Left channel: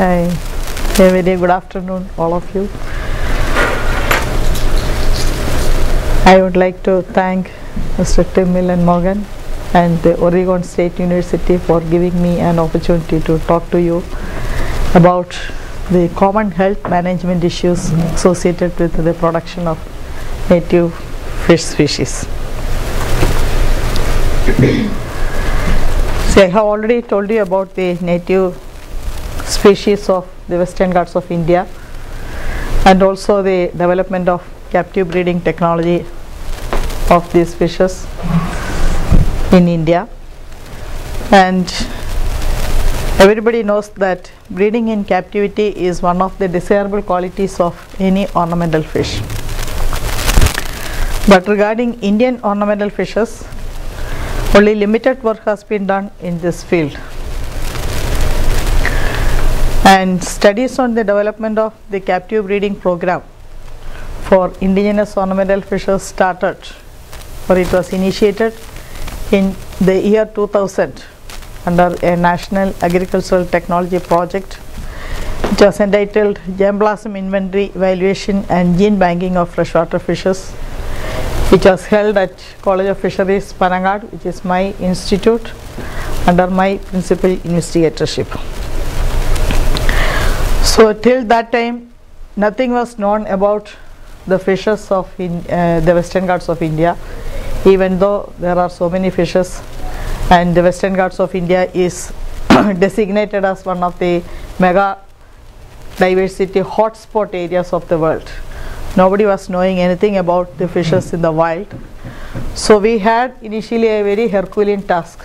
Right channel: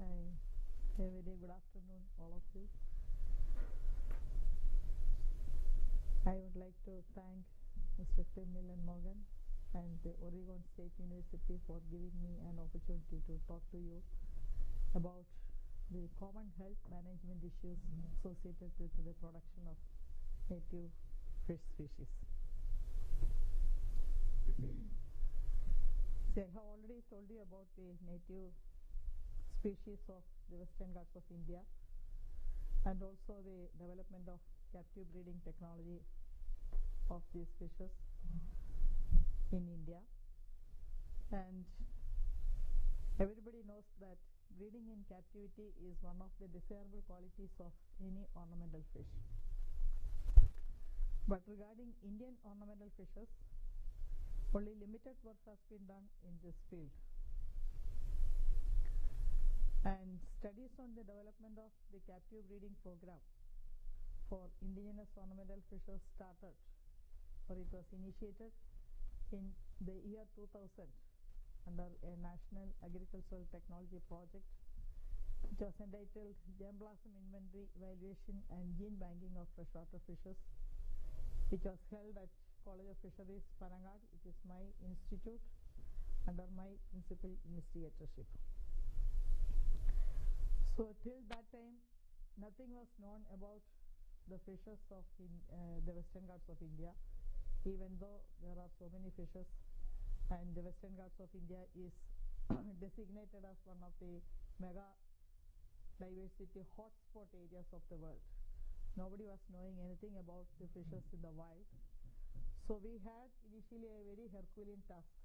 Hi. A very good afternoon, all of you. I would like to thank Mr. Tim Millen Morgan and the Oregon State University for giving me an opportunity to talk to you about the common health management issues associated with the production of native fish species. See, I have already told you about the native species of the Western Ghats of India and also the development of captive breeding technology of these fishes in India. And everybody knows that breeding in captivity is one of the desirable qualities of any ornamental fish. But regarding Indian ornamental fishes, only limited work has been done in this field. And studies on the development of the captive breeding program for indigenous ornamental fishes started, or it was initiated in the year 2000 under a national agricultural technology project. It was entitled Germplasm Inventory, Evaluation and Gene Banking of Freshwater Fishes, which was held at College of Fisheries, Panangad, which is my institute, under my principal investigatorship. So till that time, nothing was known about the fishes of the Western Ghats of India, even though there are so many fishes, and the Western Ghats of India is designated as one of the mega diversity hotspot areas of the world. Nobody was knowing anything about the fishes in the wild. So we had initially a very Herculean task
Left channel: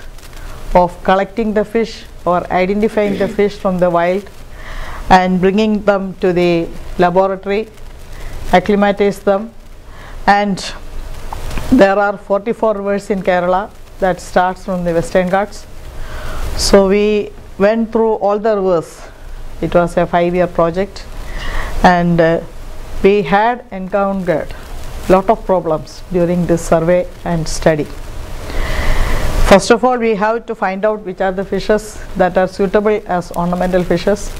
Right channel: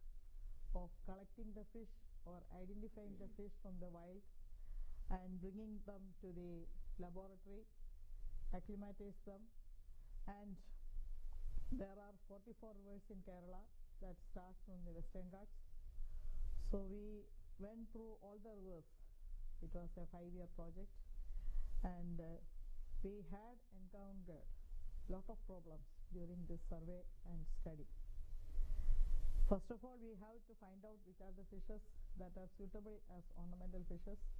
of collecting the fish or identifying the fish from the wild and bringing them to the laboratory, acclimatize them. And there are 44 rivers in Kerala that starts from the Western Ghats. So we went through all the rivers. It was a 5-year project, and we had encountered a lot of problems during this survey and study. First of all, we have to find out which are the fishes that are suitable as ornamental fishes,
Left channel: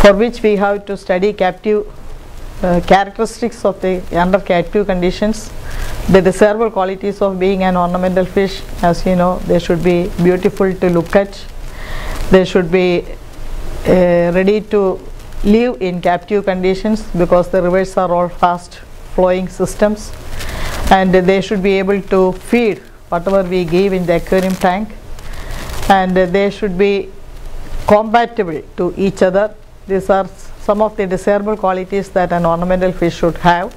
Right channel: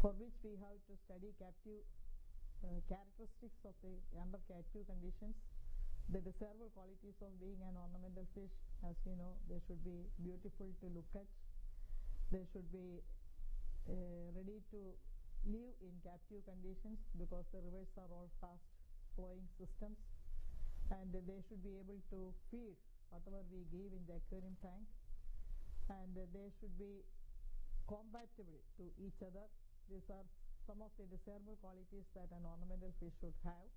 for which we have to study captive characteristics of the under captive conditions, the desirable qualities of being an ornamental fish. As you know, they should be beautiful to look at, they should be ready to live in captive conditions because the rivers are all fast flowing systems, and they should be able to feed whatever we give in the aquarium tank, and they should be compatible to each other. These are some of the desirable qualities that an ornamental fish should have,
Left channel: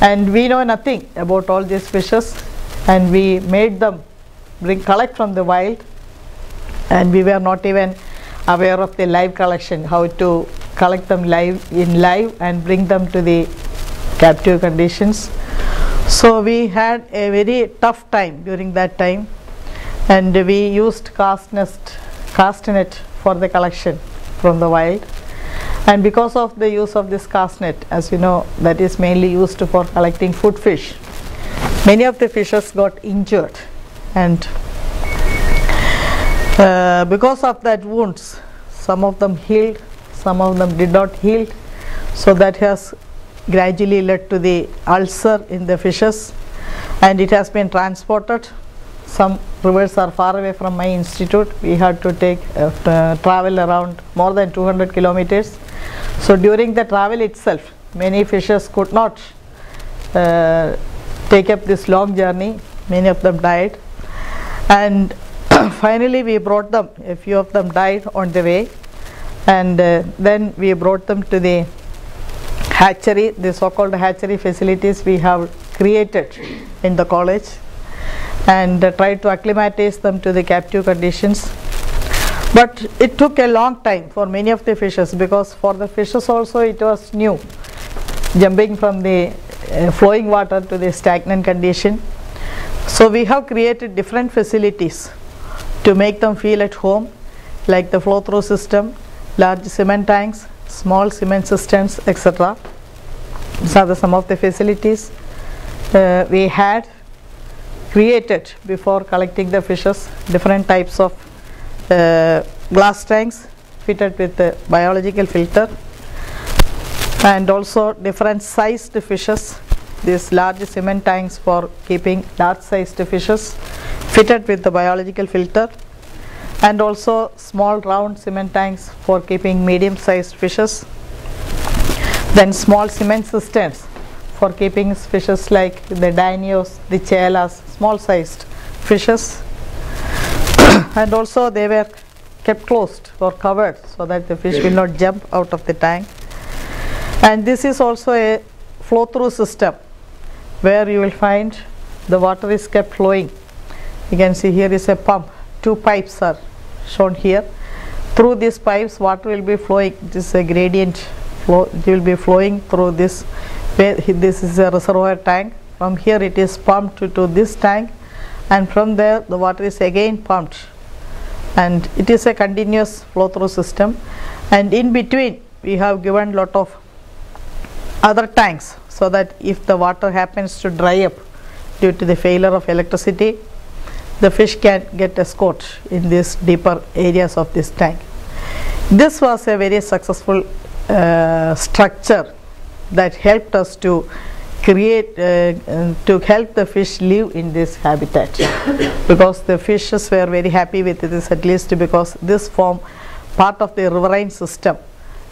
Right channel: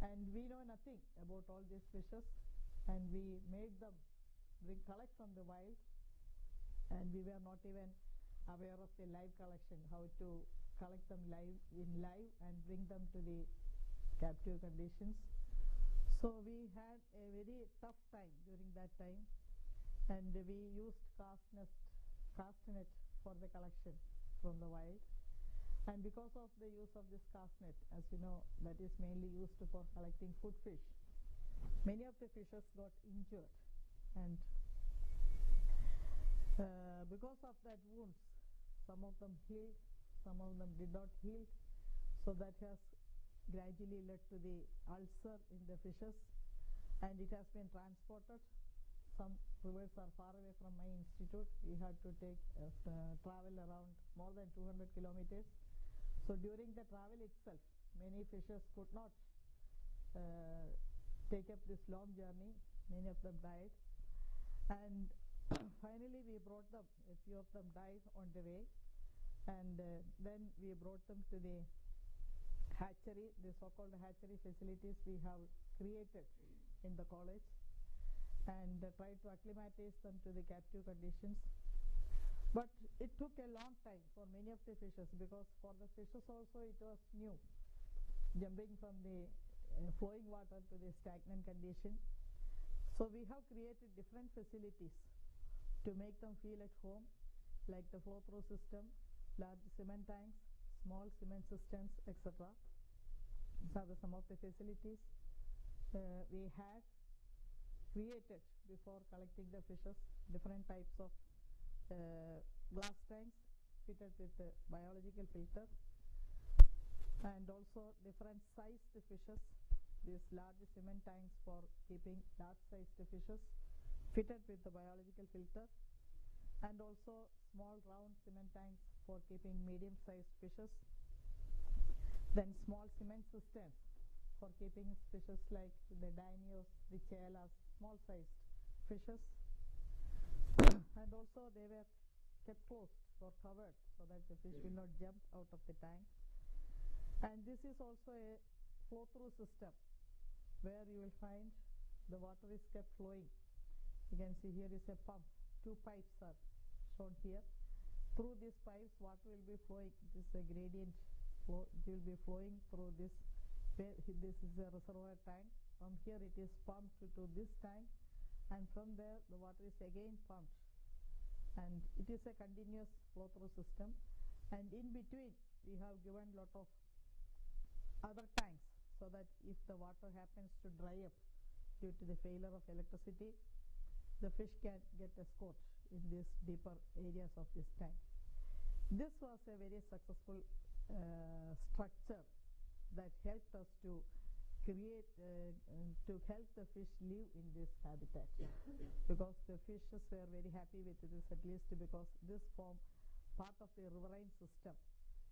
and we know nothing about all these fishes, and we made them collect from the wild, and we were not even aware of the live collection, how to collect them live and bring them to the captive conditions. So we had a very tough time during that time, and we used cast net for the collection from the wild. And because of the use of this cast net, as you know, that is mainly used for collecting food fish, many of the fishes got injured, and because of that wounds, some of them healed, some of them did not heal. So that has gradually led to the ulcer in the fishes, and it has been transported. Some rivers are far away from my institute. We had to take travel around more than 200 kilometers. So during the travel itself, many fishes could not take up this long journey. Many of them died, and finally we brought them. A few of them died on the way, and then we brought them to the hatchery, the so-called hatchery facilities we have created in the college, and tried to acclimatize them to the captive conditions. But it took a long time for many of the fishes, because for the fishes also it was new, jumping from the flowing water to the stagnant condition. So we have created different facilities to make them feel at home, like the flow-through system, large cement tanks, small cement cisterns, etc. These are some of the facilities we had created before collecting the fishes. Different types of glass tanks, fitted with a biological filter, and also different sized fishes. These large cement tanks for keeping large sized fishes fitted with the biological filter, and also small round cement tanks for keeping medium sized fishes. Then small cement cisterns for keeping fishes like the dinios, the chelas, small sized fishes. And also they were kept closed or covered so that the fish will not jump out of the tank. And this is also a flow through system where you will find the water is kept flowing. You can see here is a pump, two pipes are shown here. Through these pipes water will be flowing. This is a gradient flow, it will be flowing through this. This is a reservoir tank. From here it is pumped to this tank, and from there the water is again pumped, and it is a continuous flow through system. And in between we have given lot of other tanks so that if the water happens to dry up due to the failure of electricity, the fish can get escort in these deeper areas of this tank. This was a very successful structure that helped us to create, to help the fish live in this habitat because the fishes were very happy with this, at least because this formed part of the riverine system,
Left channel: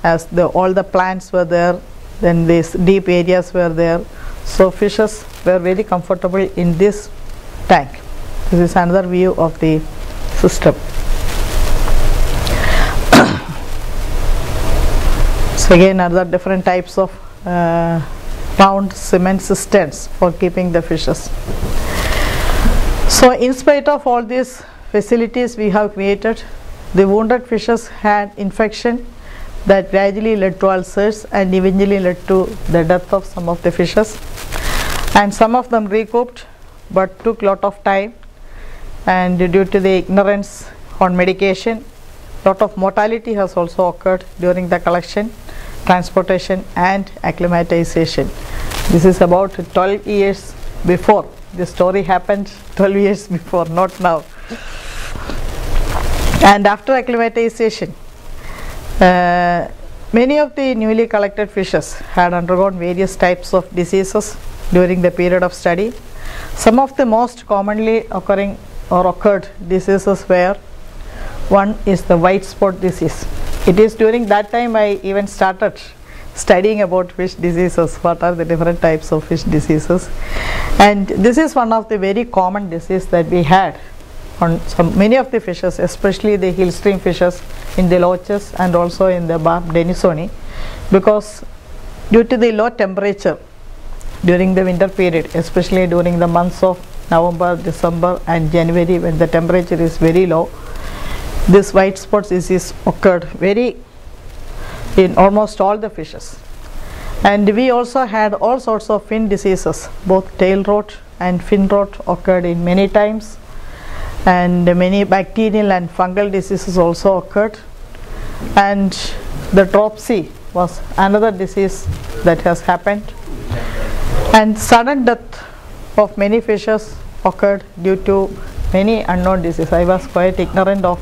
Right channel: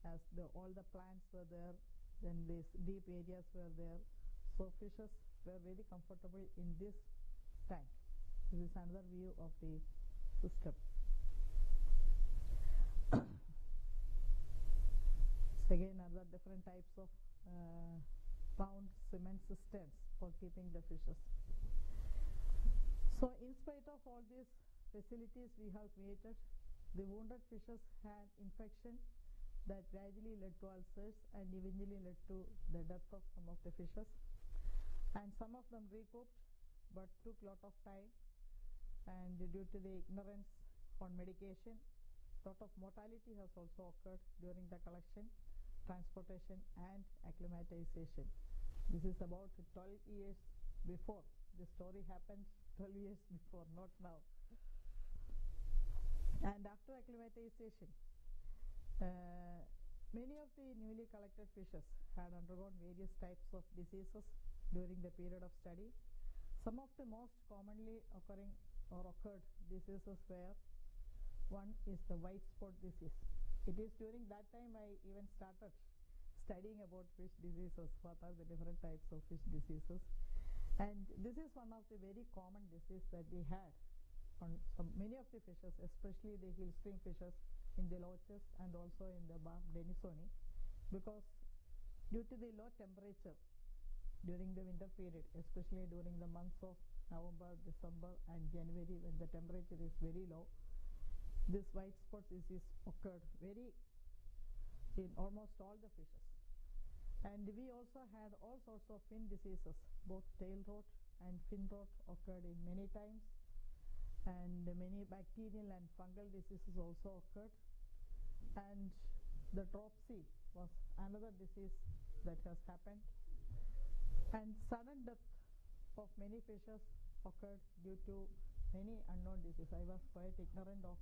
as all the plants were there, then these deep areas were there, so fishes were very comfortable in this tank. This is another view of the system. So again another different types of round cement cisterns for keeping the fishes. So in spite of all these facilities we have created, the wounded fishes had infection that gradually led to ulcers and eventually led to the death of some of the fishes, and some of them recouped but took lot of time, and due to the ignorance on medication, lot of mortality has also occurred during the collection, transportation and acclimatization. This is about 12 years before. The story happened 12 years before, not now. And after acclimatization, many of the newly collected fishes had undergone various types of diseases during the period of study. Some of the most commonly occurring or occurred diseases were, one is the white spot disease. It is during that time I even started studying about fish diseases, what are the different types of fish diseases, and this is one of the very common disease that we had on many of the fishes, especially the hill stream fishes in the loaches and also in the barb denisoni, because due to the low temperature during the winter period, especially during the months of November, December and January, when the temperature is very low, this white spot disease occurred in almost all the fishes. And we also had all sorts of fin diseases, both tail rot and fin rot occurred in many times, and many bacterial and fungal diseases also occurred, and the dropsy was another disease that has happened, and sudden death of many fishes occurred due to many unknown diseases. I was quite ignorant of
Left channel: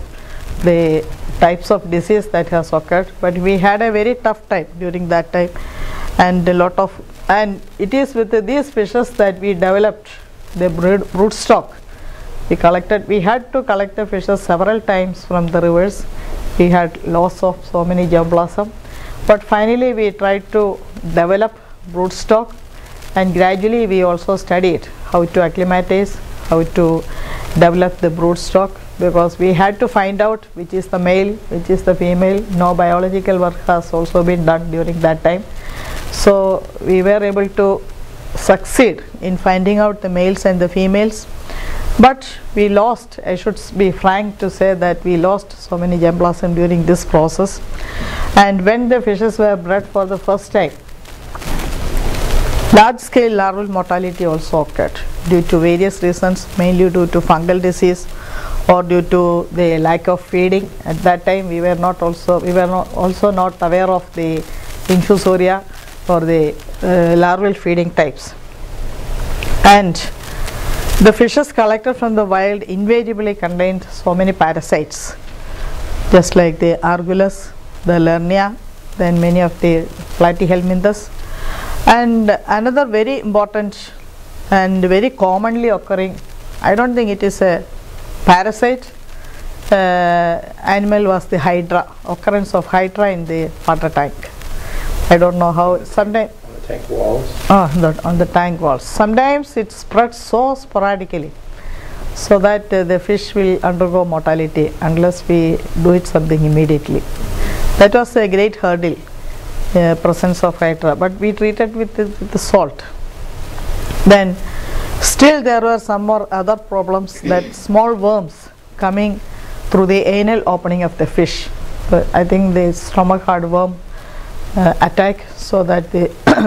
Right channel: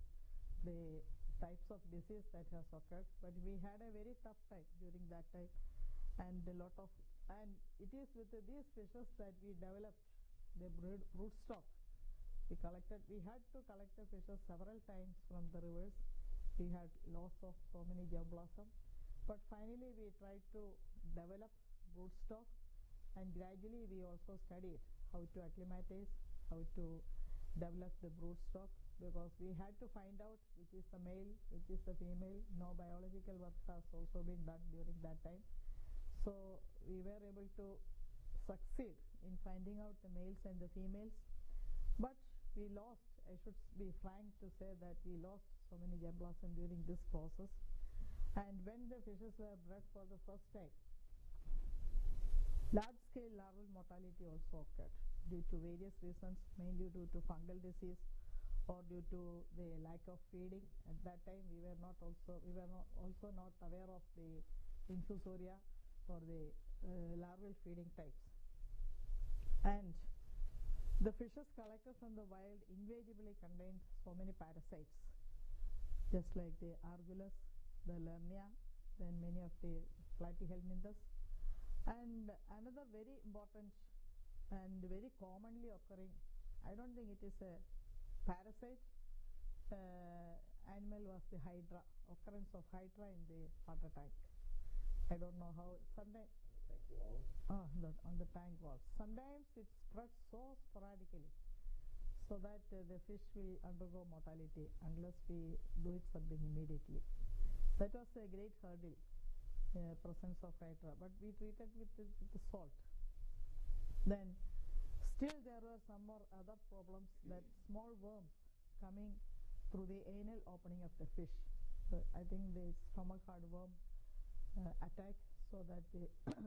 the types of disease that has occurred, but we had a very tough time during that time, and it is with these fishes that we developed the brood stock. We had to collect the fishes several times from the rivers. We had loss of so many germplasm, but finally we tried to develop brood stock, and gradually we also studied how to acclimatize, how to develop the brood stock, because we had to find out which is the male, which is the female. No biological work has also been done during that time, so we were able to succeed in finding out the males and the females, but we lost, I should be frank to say that we lost so many germplasm during this process. And when the fishes were bred for the first time, large scale larval mortality also occurred due to various reasons, mainly due to fungal disease or due to the lack of feeding. At that time we were also not aware of the infusoria or the larval feeding types. And the fishes collected from the wild invariably contained so many parasites, just like the argulus, the Lernia, then many of the platyhelminthes. And another very important and very commonly occurring, I don't think it is a parasite, animal was the hydra, occurrence of hydra in the water tank. I don't know how, sometimes On the tank walls? on the tank walls. Sometimes it spreads so sporadically so that the fish will undergo mortality unless we do it something immediately. That was a great hurdle, presence of hydra, but we treated with the salt. Then still there were some more other problems, that small worms coming through the anal opening of the fish. I think the stomach heartworm attack, so that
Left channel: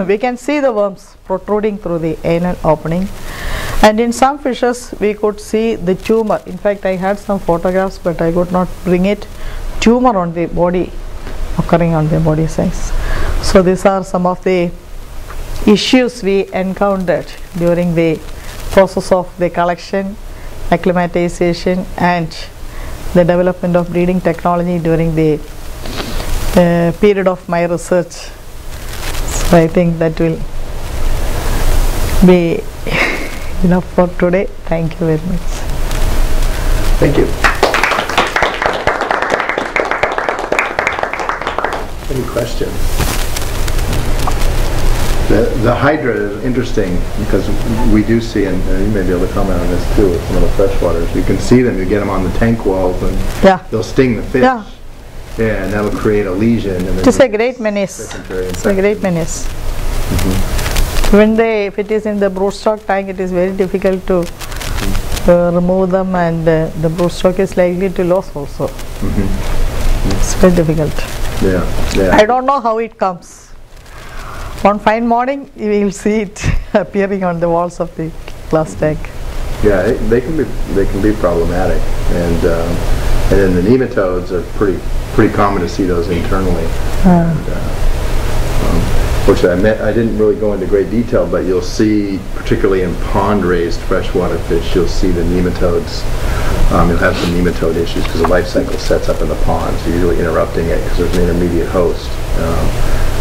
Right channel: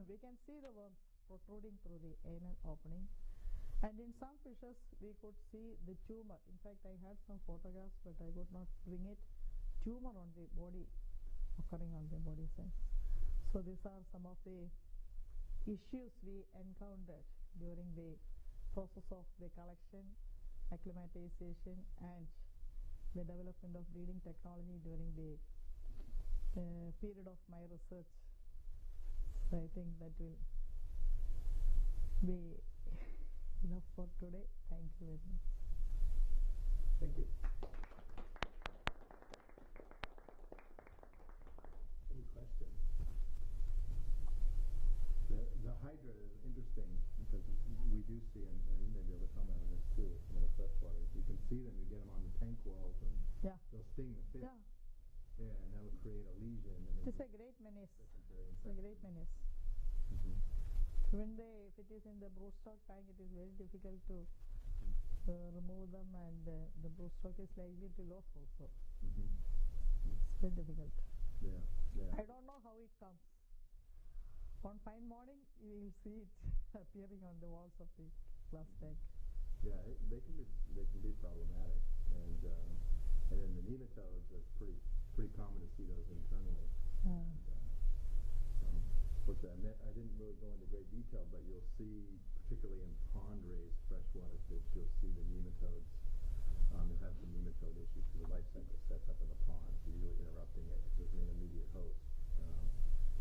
we can see the worms protruding through the anal opening. And in some fishes we could see the tumor. In fact, I had some photographs but I could not bring it. Tumor on the body, occurring on the body size. So these are some of the issues we encountered during the process of the collection, acclimatization and the development of breeding technology during the period of my research. So I think that will be enough for today. Thank you very much. Thank you. Any questions? The hydra is interesting because we do see, and you may be able to comment on this too with some of the freshwaters, you can see them, you get them on the tank walls and they'll sting the fish. Yeah. Yeah, and that'll create a lesion. And it is a great menace. It's a great menace. When if it is in the broodstock tank, it is very difficult to remove them, and the broodstock is likely to lose also. It's very difficult. Yeah. I don't know how it comes. One fine morning, you will see it appearing on the walls of the glass tank. Yeah, they can be problematic, and then the nematodes are pretty common to see those internally. Which I didn't really go into great detail, but you'll see, particularly in pond-raised freshwater fish, you'll see the nematodes. You'll have some nematode issues because the life cycle sets up in the pond, so you're really interrupting it because there's an intermediate host.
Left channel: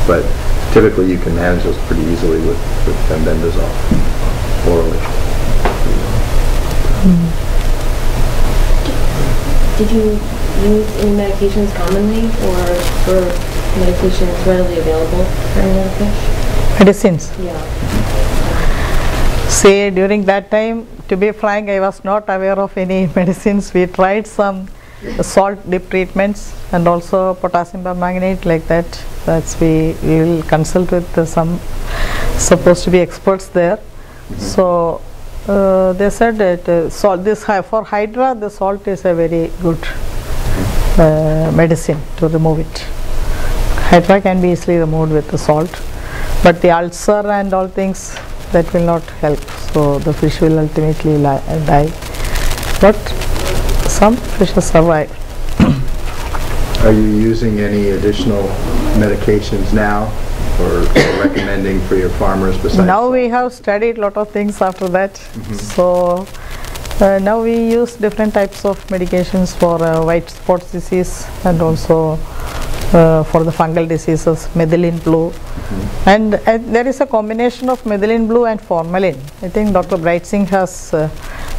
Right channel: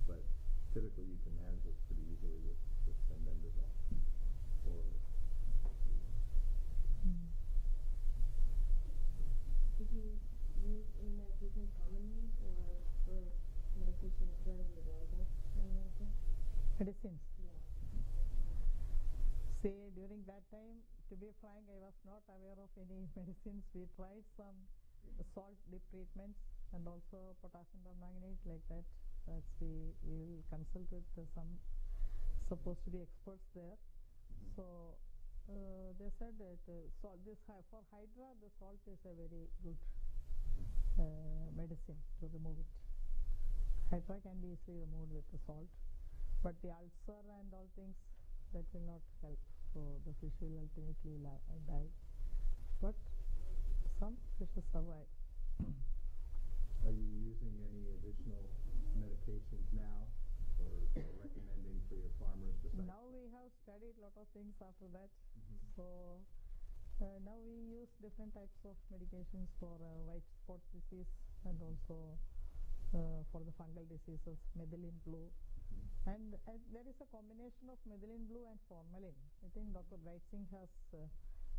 But typically you can manage those pretty easily with bendazole orally. Did you use any medications commonly, or were medications readily available for any of the fish? Medicines? Yeah. Say, during that time, to be frank, I was not aware of any medicines. We tried some salt dip treatments and also potassium permanganate, like that. We will consult with some supposed to be experts there. So they said that for hydra, the salt is a very good medicine to remove it. Hydra can be easily removed with the salt, but the ulcer and all things, that will not help. So the fish will ultimately die. But some fishes survive. Are you using any additional medications now, or recommending for your farmers besides? Now we have studied a lot of things after that. So now we use different types of medications for white spot disease, and also for the fungal diseases, methylene blue. And there is a combination of methylene blue and formalin. I think Dr. Bright Singh has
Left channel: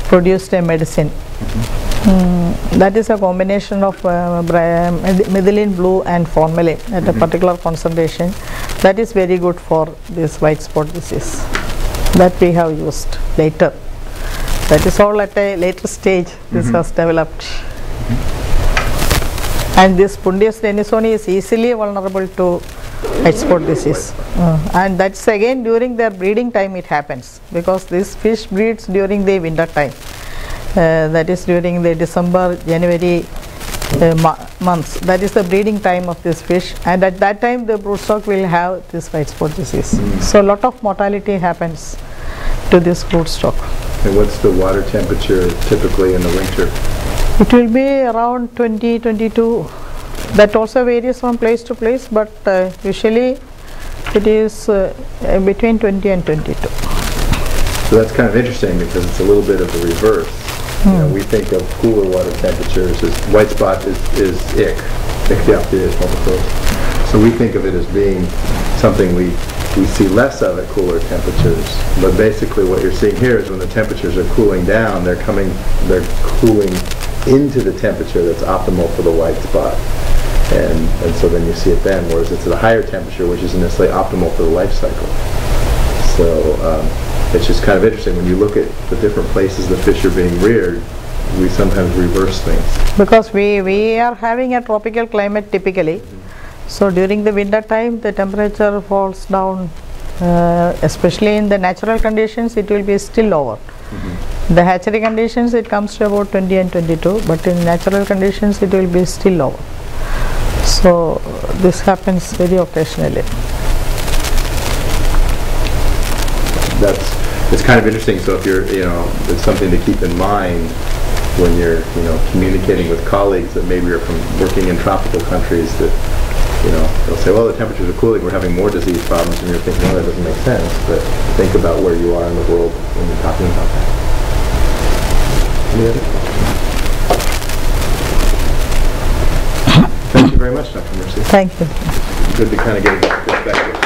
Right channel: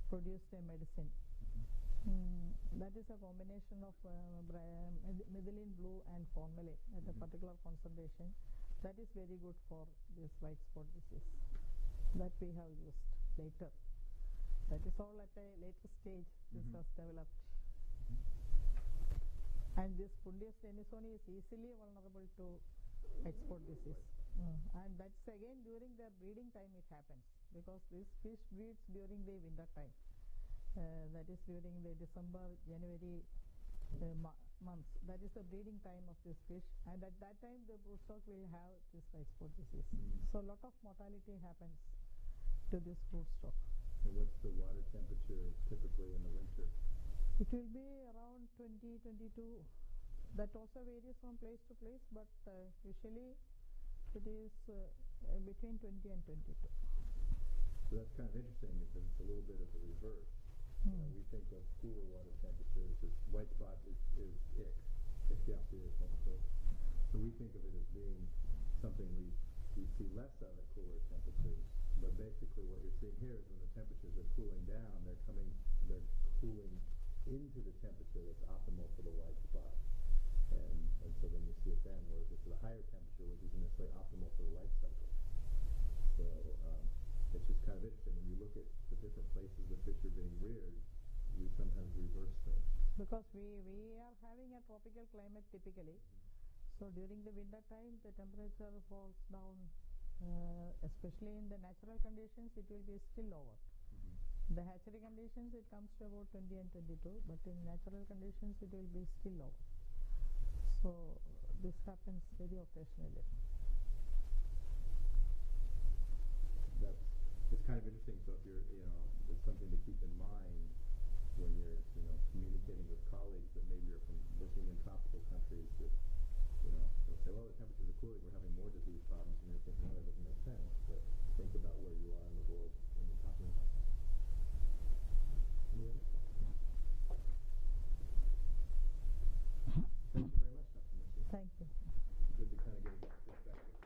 produced a medicine. That is a combination of methylene blue and formalin at a particular concentration. That is very good for this white spot disease. That we have used later. That is all at a later stage this has developed. And this Pundius denisoni is easily vulnerable to white spot disease. And that's again during their breeding time it happens, because this fish breeds during the winter time. That is during the December, January months. That is the breeding time of this fish, and at that time the broodstock will have this white spot disease. So a lot of mortality happens to this broodstock. And what's the water temperature typically in the winter? It will be around 20, 22. That also varies from place to place, but usually it is between 20 and 22. So that's kind of interesting, because it's a little bit of the reverse. You know, we think of cooler water temperatures as white spot is ick, Ichthyopteris multiflorus. So we think of it as being something we see less of at cooler temperatures. But basically what you're seeing here is when the temperatures are cooling down, they're cooling into the temperature that's optimal for the white spot. And so then you see it then, whereas it's at a higher temperature, which isn't necessarily optimal for the life cycle. So it's just kind of interesting. When you look at the different places the fish are being reared, we sometimes reverse things. Because we are having a tropical climate typically. So during the winter time, the temperature falls down, especially in the natural conditions, it will be still lower. The hatchery conditions, it comes to about 20 and 22, but in natural conditions, it will be still lower. So this happens very occasionally. It's kind of interesting. So if you're, it's something to keep in mind when you're, communicating with colleagues that maybe are from working in tropical countries that, they'll say, well, the temperatures are cooling, we're having more disease problems, and you're thinking, well, that doesn't make sense. But think about where you are in the world when you're talking about that. Any other? Thank you very much, Dr. Mercy. Thank you. Good to kind of get a perspective.